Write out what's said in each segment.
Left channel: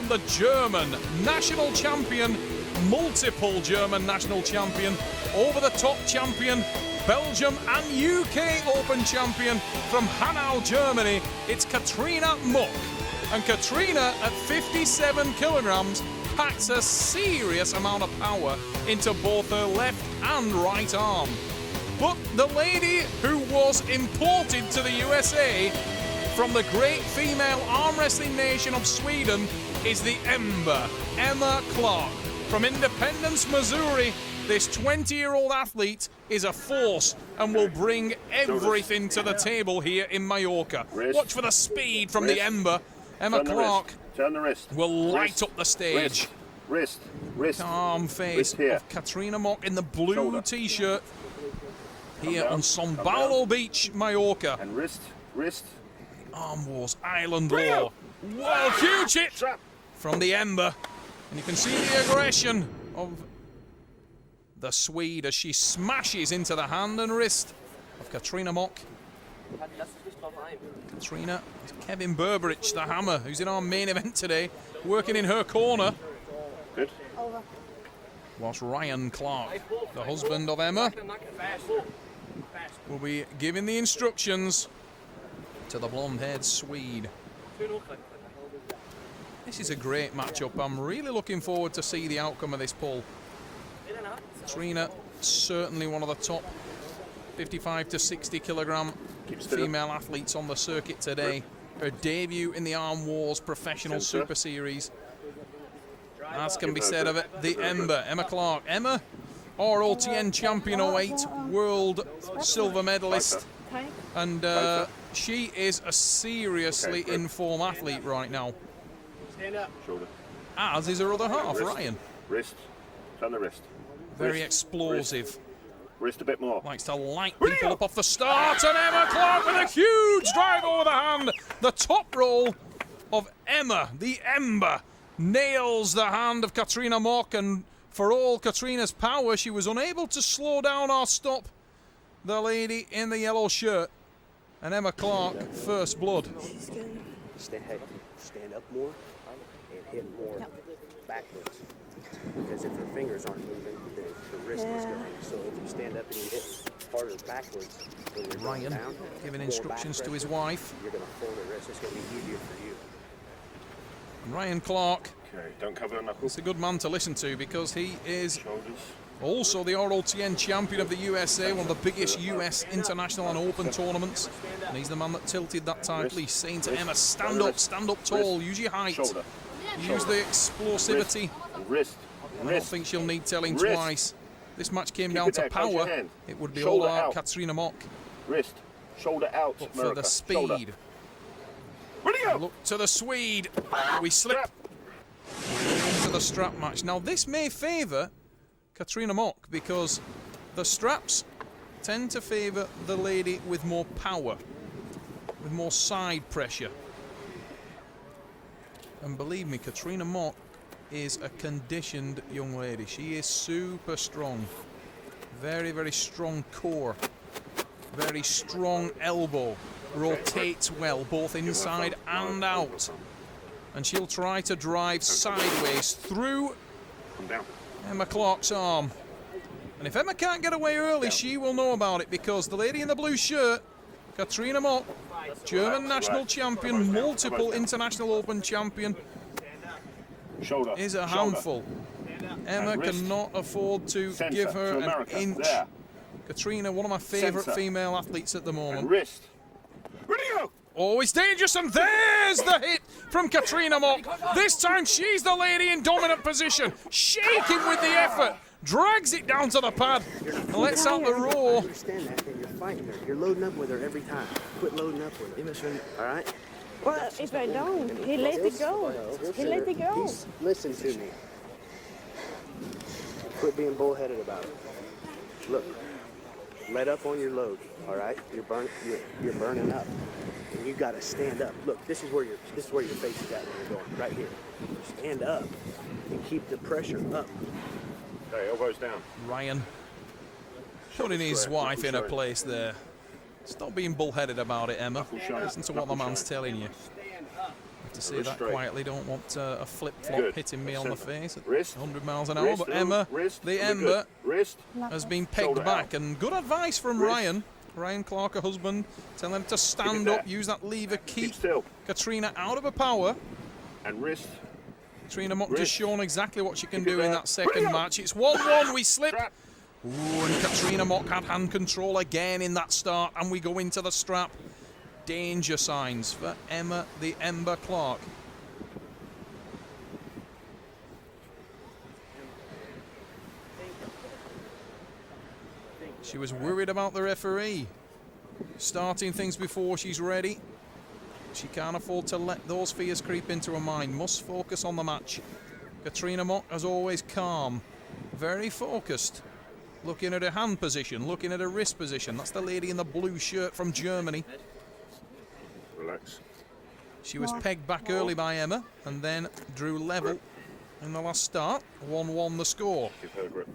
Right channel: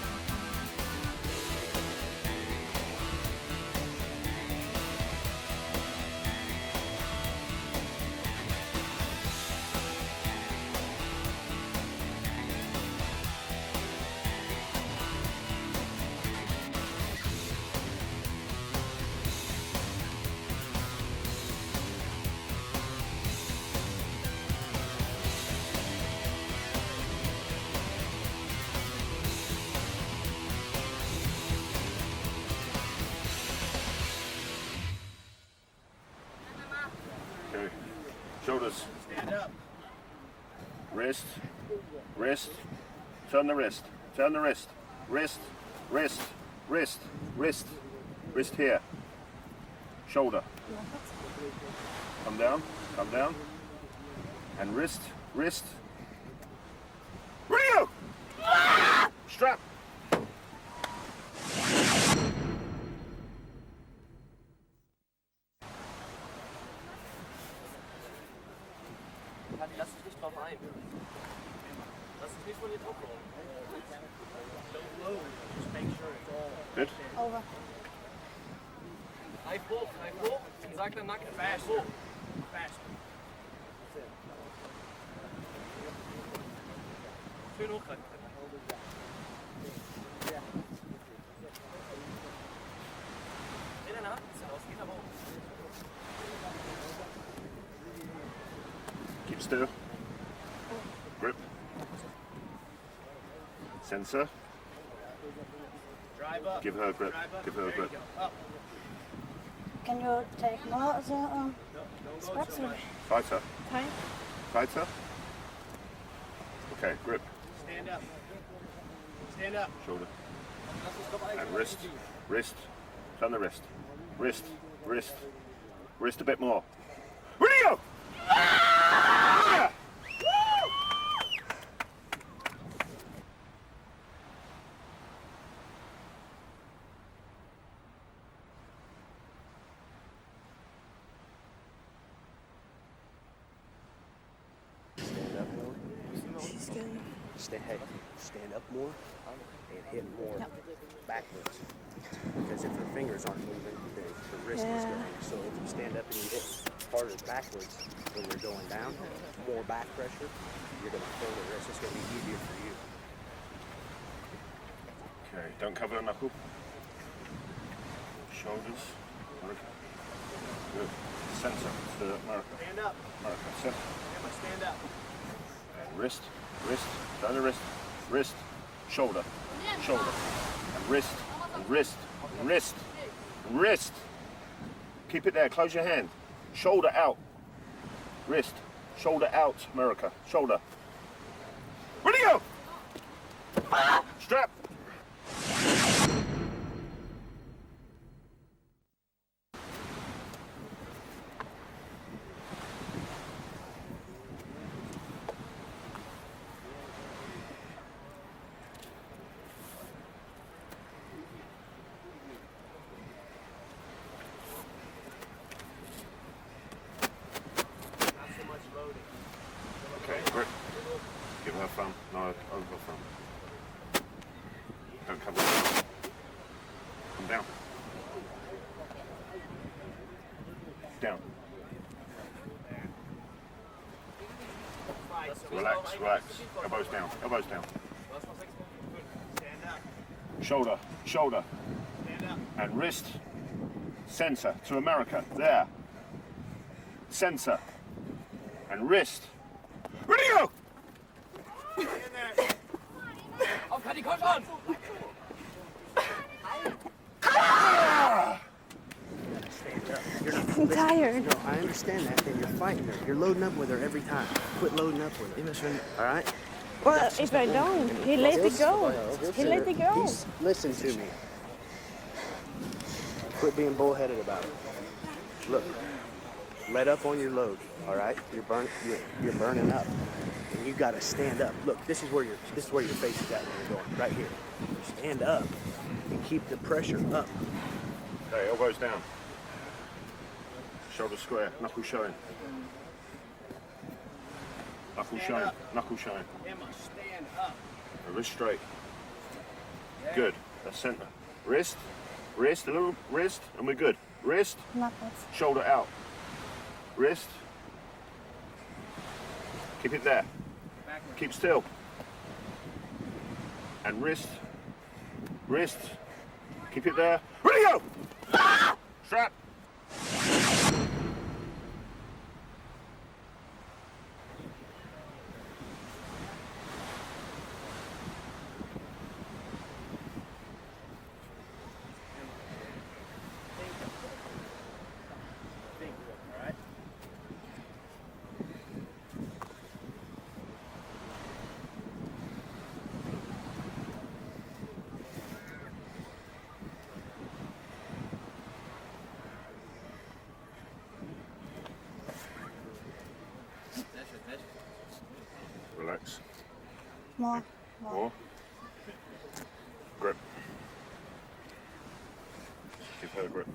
welcome the German national champion, multiple German national champion, over-the-top champion, Belgium and UK Open champion from Hanau, Germany. It's Katrina Mook. And Katrina, at 57 kilograms, packs a serious amount of power into both her left and right arm. But the lady who was imported to the USA from the great female arm wrestling nation of Sweden is the Ember, Emma Clark. From Independence, Missouri, this 20-year-old athlete is a force and will bring everything to the table here in Mallorca. Watch for the speed from the Ember. Emma Clark will light up the stage. Wrist. Calm face of Katrina Mook in the blue t-shirt here on Sombalo Beach, Mallorca. And wrist. Arm Wars, Island War. Whoa, huge hit from the Ember. And you can see the aggression of the Swede as she smashes into the hand and wrist of Katrina Mook. Katrina, Kevin Berberich, the Hammer, who's in our main event today, working in her corner. Good. Whilst Ryan Clark, the husband of Emma, will be giving the instructions to the blonde-haired Swede. This is a great matchup. I'm really looking forward to see the outcome of this poll. Katrina, certainly one of the top 55 to 60 kilogram female athletes on the circuit today. Her debut in the Arm Wars Professional Super Series. As can be said of it, the Ember, Emma Clark. Emma, ROTN champion 08, world silver medalist. And she is a seriously in-form athlete right now. As is her other half, Ryan. Wrist. Turn the wrist. Very explosive. Wrist a bit more. Likes to light people up off the start. And Emma Clark with a huge drive over the hand. The top roll of Emma, the Ember, nails the hand of Katrina Mook. And for all Katrina's power, she was unable to slow down or stop the lady in the yellow shirt. And Emma Clark, first blood. Stand up more and hit more backwards. Because if her fingers aren't moving, the wrist is going. So if you stand up and you hit harder backwards, Ryan giving instructions to his wife. You're going to feel the wrist. It's going to be easier for you. And Ryan Clark. Okay, don't cover the knuckles. He's a good man to listen to because he is also the ROTN champion of the USA, one of the biggest US international and open tournaments. And he's the man that tilted that title. He's saying to Emma, stand up tall, use your height, use the explosivity. Wrist. I don't think she'll need telling twice. This match came down to power. It would be all out Katrina Mook. Wrist. Shoulder out. But for the speed. Look to the Swede. We slip into the strap match. Now this may favour Katrina Mook because the straps tend to favour the lady with more power, with more side pressure. And believe me, Katrina Mook is a conditioned young lady. She is super strong. Very, very strong core. Very strong elbow. Rotates well, both inside and out. And she'll try to drive sideways through Emma Clark's arm. And if Emma can't get away early, she will know about it because the lady in the blue shirt, Katrina Mook, German national champion, multiple international open champion, is a handful. Emma cannot afford to give her an inch. Katrina, one of my favourite female athletes at the moment. Wrist. Oh, it's dangerous, and there's the hit from Katrina Mook. This time she's the lady in dominant position, shaking with the effort, drags it down to the pad, and lets out the I roar. understand that, but you're fighting her. You're loading up with her every time. Quit loading up with her. All right? Well, if I don't, he let it go. He let it go. Listen to me. Quit being bullheaded about it. Look, let up on your load. All right? You're burning up. And you got to stand up. Look, this is where your face is at when you're going. Right here. Stand up and keep the pressure up. Okay, elbows down. Ryan putting his wife in a place there. Stop being bullheaded about it, Emma. Listen to what the man's telling you. to say Wrist that straight. quietly. Don't want a flip-flop Good. hitting me That's on the center. face at Wrist. 100 miles an hour. Wrist. But Emma, Wrist. the That'll be Ember, good. Wrist. has been pegged Shoulder back. out. And good advice from Wrist. Ryan Clark, her husband, telling him to stand there. up, use that lever, Keep keep still. Katrina out of her power. And wrist. Katrina Mook Wrist. just shown exactly what she can Keep it do in there. that second Ready up. match. It's 1-1, we slip. Strap. Ooh, and Katrina Mook had hand control again in that start, and we go into the strap. Danger signs for Emma the Ember Clark. She was worried about the referee starting things before she's ready. She can't afford to let those fears creep into her mind. Must focus on the match. Katrina Mook, as always, calm, very focused. Looking at her hand position, looking at her wrist position. That's the lady in the blue shirt from Germany. Relax. She was pegged back early by Emma and then drew level in the last start. 1-1 the score. Keep her grip.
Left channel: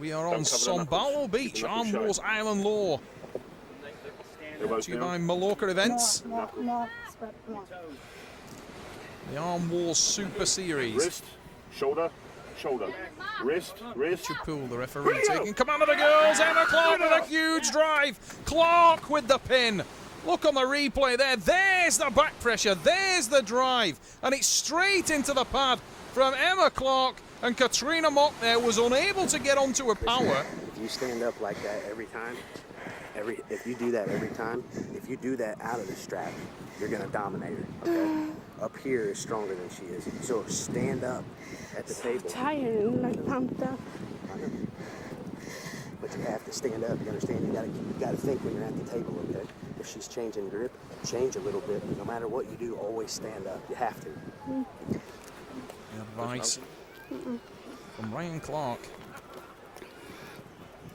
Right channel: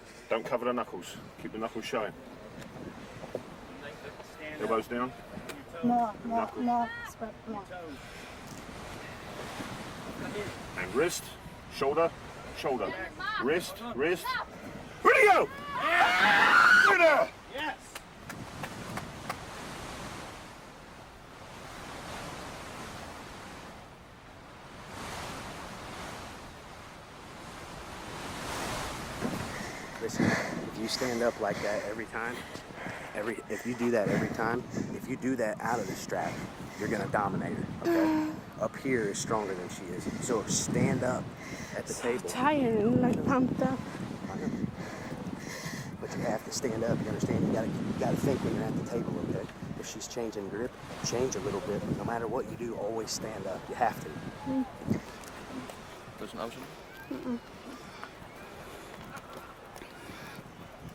We are Don't on cover the knuckles. Sombalo Keep Beach, the knuckles Armwrestling shut. Island Law. Elbows To you by down. Mallorca Events. More, more, more. The Arm Wars Super Series. Wrist. Shoulder. Shoulder. Wrist. Wrist. Pool, the referee Ready go. taking command of the girls. Emma Clark with a huge drive. Clark with the pin. Look on the replay there. There's the back pressure. There's the drive. And it's straight into the pad from Emma Clark. And Katrina Mook there was unable to get onto her power. If you stand up like that every time, if you do that every time, if you do that out of the strap, you're gonna dominate her. Okay? Up here is stronger than she is. So stand up at the table. Tired, like pumped up. But you have to stand up. You understand? You gotta think when you're at the table. Okay? If she's changing grip, change a little bit. No matter what you do, always stand up. You have to. Advice from Ryan Clark.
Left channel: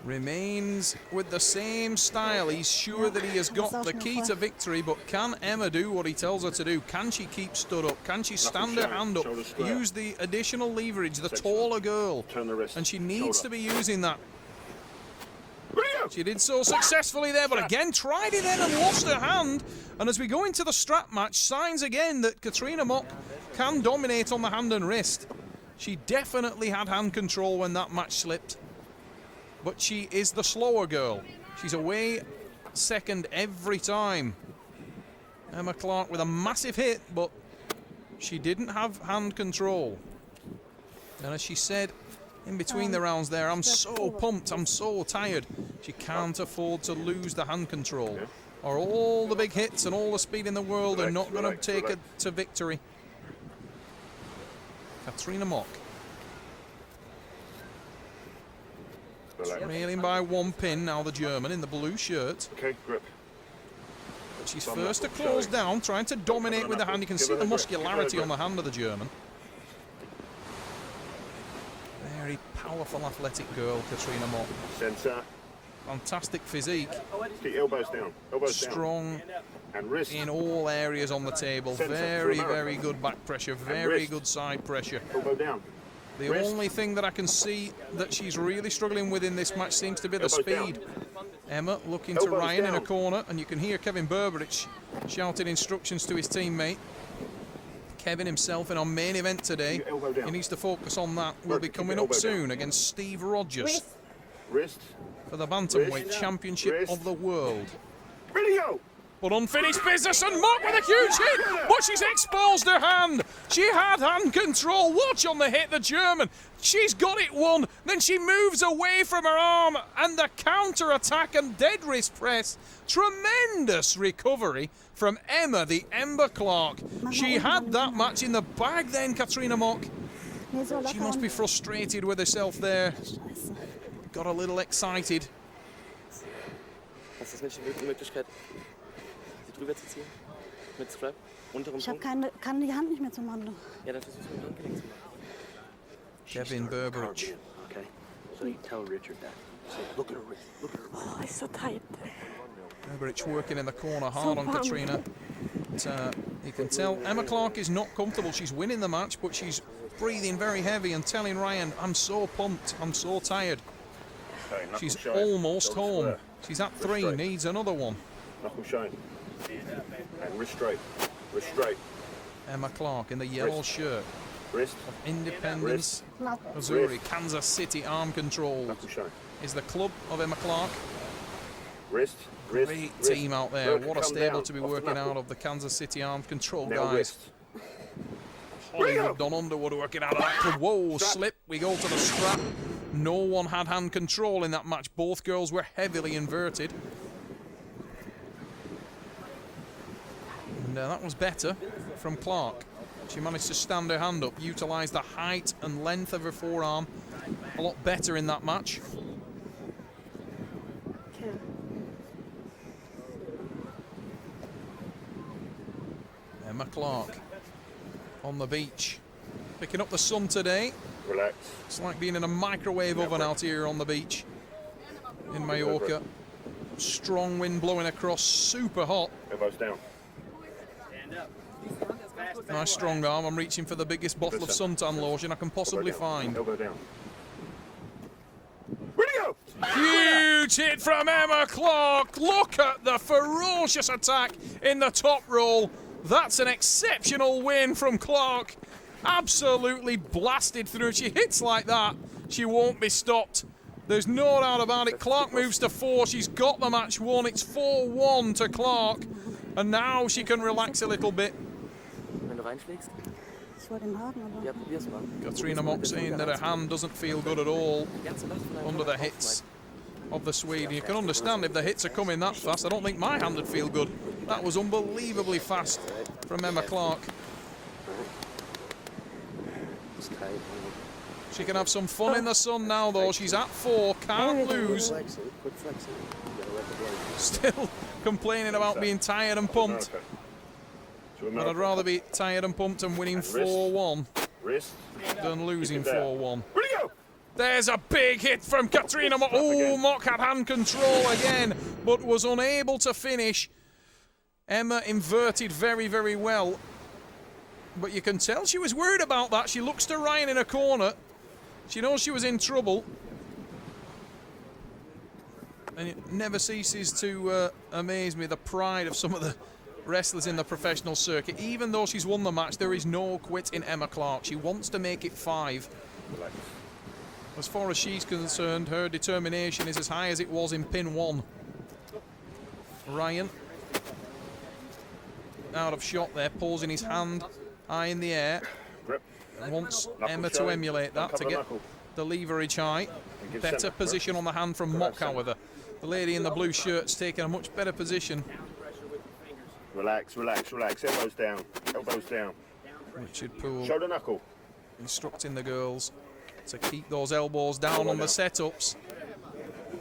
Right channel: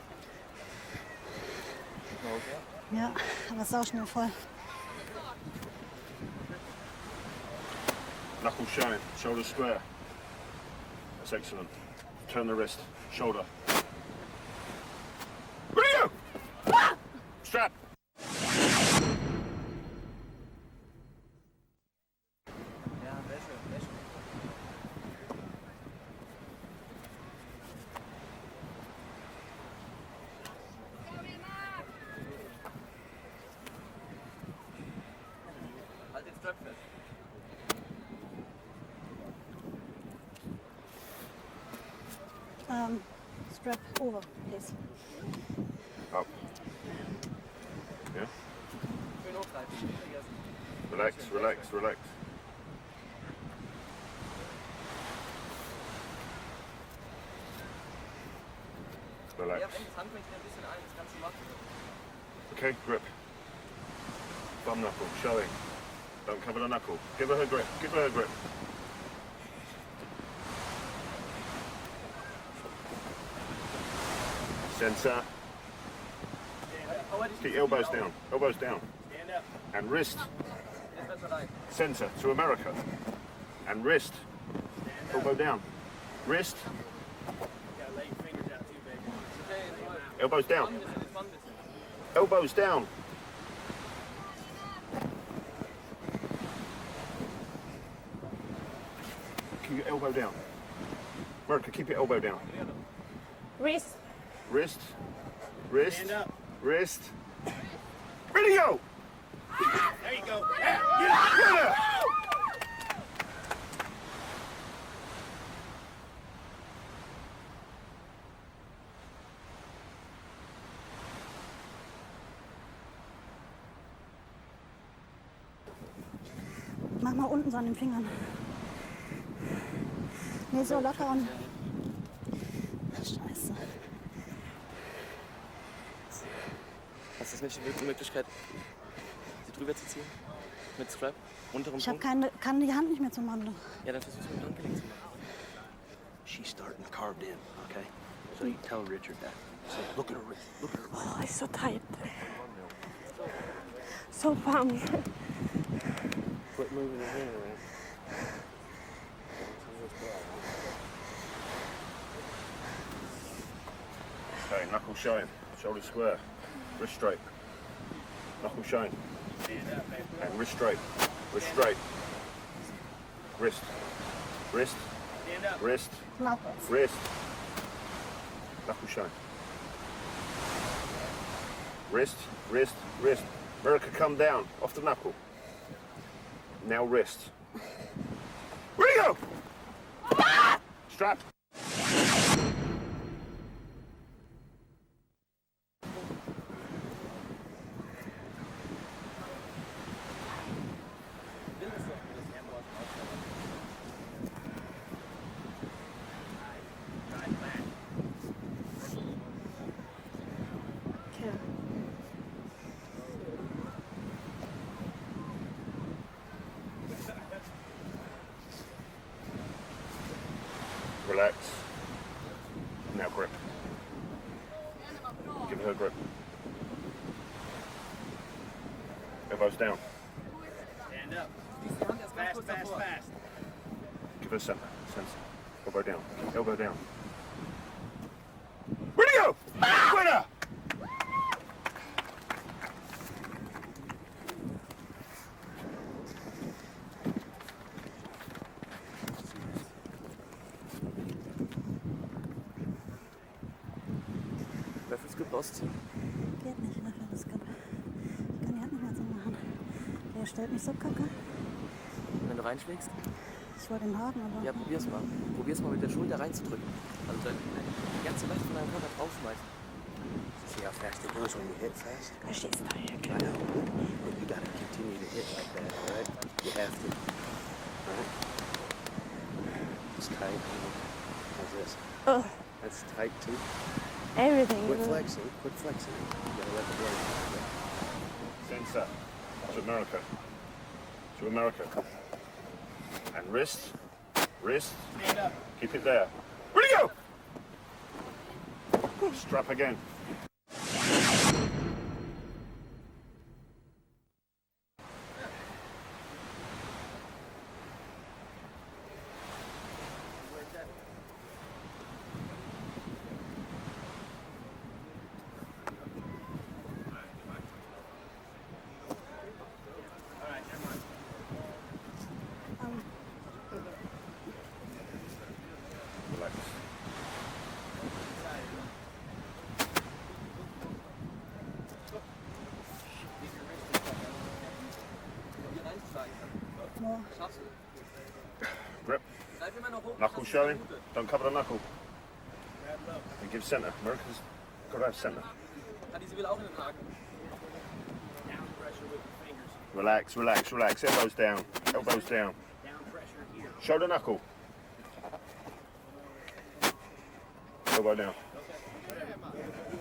Remains with the same style. He's sure that he has got the key to victory, but can Emma do what he tells her to do? Can she keep stood up? Can she stand her showing, hand up? shoulders square. Use the additional leverage, the Excellent. taller girl. Turn the wrist. And she needs Shoulder. to be using that. Ready go. She did so successfully there, but again tried it then and lost her hand. And as we go into the strap match, signs again that Katrina Mook can dominate on the hand and wrist. She definitely had hand control when that match slipped. But she is the slower girl. She's away second every time. Emma Clark with a massive hit, but she didn't have hand control. And as she said in between the rounds there, I'm so pumped, I'm so tired. She can't afford to lose the hand control, or all the big hits and all the speed in the world are not going to take her to victory. Katrina Mook. Relax. Trailing by one pin now, the German in the blue shirt. Okay, grip. But she's first to close down, trying to dominate with the hand. You can see the muscularity on the hand of the German. Very powerful, athletic girl, Katrina Mook. Center. Fantastic physique. Keep elbows down. Elbows down. Strong And wrist. in all areas on the table. Centre, Very, to America. very good back pressure. And Very wrist. good side pressure. Elbow down. The Wrist. only thing that I can see that she's really struggling with in this match seems to be the Elbows down. speed. Emma looking to Elbows Ryan in down. the corner, and you can hear Kevin Berberich shouting instructions to his teammate. Kevin himself in our main event today. Keep your elbow down. He needs to focus on that. We'll Work be to keep coming your up elbow down. soon against Steve Rogers Wrist. Wrist. for the Bantamweight Wrist. Championship Wrist. of the world. Ready go. But unfinished business, and Mook with a huge hit, but she's exposed her hand. She had hand control. Watch on the hit, the German. She's got it won. Then she moves away from her arm, and the counter attack and dead wrist press. Tremendous recovery from Emma, the Ember Clark. She had that match in the bag then, Katrina Mook. Nee, so She locker must an. be frustrated with herself there. Got a little excited. Hast du nicht die Möglichkeit, sie drüber zu ziehen? Mit Strap? Unteren Ich Punkt? kann die Hand nicht mehr zum Handeln. Ja, das ist mit dem Handgelenk. Kevin Calm Berberich. in, okay? So you tell Richard that. Say, look at her wrist. Look at her wrist. Oh, ist so tight. Berberich working in the corner hard on Katrina. But, you can tell Emma Clark is not comfortable. She's winning the match, but she's breathing very heavy and telling Ryan, I'm so pumped, I'm so tired. Okay, knuckle She's showing. almost Shoulders home. square. She's at Wrist 3, straight. needs another one. Knuckle showing. And wrist straight. Wrist straight. Emma Clark in the yellow shirt. Wrist. Independence, Wrist. Missouri, Wrist. Kansas City Arm Control Knuckle shine. is the club of Emma Clark. Wrist. Wrist. Great Wrist. team out there. Vertical, What a come stable down. to be Off the working knuckle. out of the Kansas City Arm Control Now guys. wrist. Hollywood Don Underwood working out that. Whoa, Strap. slip. We go to the strap. No one had hand control in that match. Both girls were heavily inverted. And that was better from Clark. She managed to stand her hand up, utilise the height and length of her forearm a lot better in that match. Emma Clark on the beach, picking up the sun today. Relax. It's like being in a microwave oven out here on the beach in Mallorca. Strong wind blowing across, super hot. Elbows down. Nice strong arm. I'm reaching for the biggest bottle of suntan lotion I can possibly find. Elbow down. Where'd he go? Huge hit from Emma Clark. Look at the ferocious attack in the top roll. That's an exceptional win from Clark. Absolutely blasted through. She hits like that, she won't be stopped. There's no doubt about it. Clark moves to 4. She's got the match won. It's 4-1 to Clark. And now she can relax a little bit. Wenn du reinschlägst? Das war dem Haken, aber. Ja, probier's mal. Katrina Mock saying that her hand doesn't feel good at all Ganz so leicht von der under the Hand hits of the Swede. You can understand if the hits are coming that fast. I don't think my hand would feel good. That was unbelievably fast from Emma Clark. Ist tight. She can have some fun in the sun now though. She's at 4, can't lose. Flexing. Quit flexing. You gotta let the body. Still complaining about being tired and pumped. America. To But I'd America. rather be tired and pumped and winning And wrist. 4-1 Wrist. than losing Keep it there. 4-1. Where'd he go? There's a big hit from Katrina Mock. Strap Oh, again. Mock had hand control again, but was unable to finish. Emma inverted very, very well. But you can tell she was worried about that. She looks to Ryan in a corner. She knows she was in trouble. And it never ceases to amaze me, the pride of some of the wrestlers in the professional circuit. Even though she's won the match, there is no quit in Emma Clark. She wants to make it 5. Relax. As far as she's concerned, her determination is as high as it was in pin 1. Ryan out of shot there, pausing his hand high in the air. Grip. Wants Knuckle Emma to showing. emulate Don't that to cover the get knuckle. the leverage high. Give Better centre. position on the hand from Mock, however. The lady in the blue shirt's taking a much better position. Relax, relax, relax. Elbows down. Elbows down. Richard Poole Shoulder knuckle. instructing the girls to keep those elbows down on the setups.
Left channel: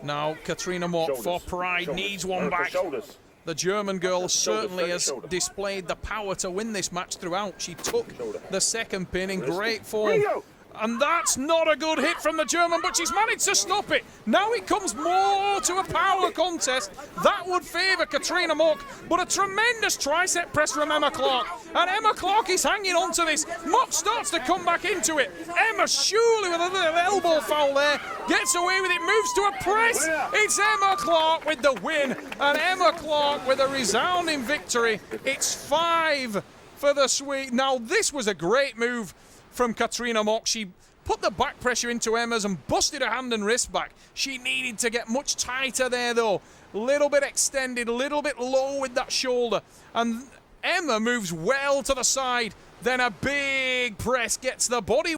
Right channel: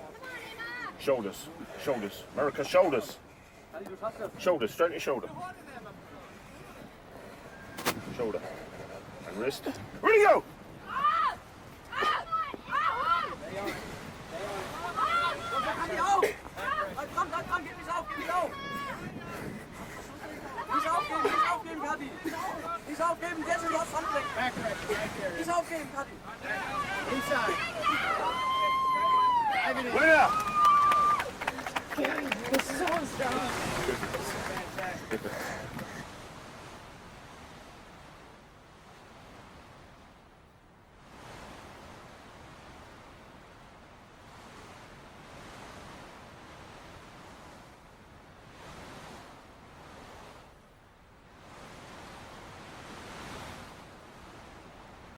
Now Katrina Mock, for Shoulders. pride, Shoulders. needs one America, back. Shoulders. The German girl certainly straight has shoulder. displayed the power to win this match throughout. She took Shoulder. the second pin in Wrist. great form. Where'd he go? And that's not a good hit from the German, but she's managed to stop it. Now it comes more to a power contest. That would favour Katrina Mock, but a tremendous tricep press from Emma Clark. And Emma Clark is hanging on to this. Mock starts to come back into it. Emma surely with a little elbow foul there, gets away with it, moves to a press. It's Emma Clark with the win, and Emma Clark with a resounding victory. It's 5 for the Swede. Now this was a great move from Katrina Mock. She put the back pressure into Emma's and busted her hand and wrist back. She needed to get much tighter there though. A little bit extended, a little bit low with that shoulder. And Emma moves well to the side. Then a big press gets the body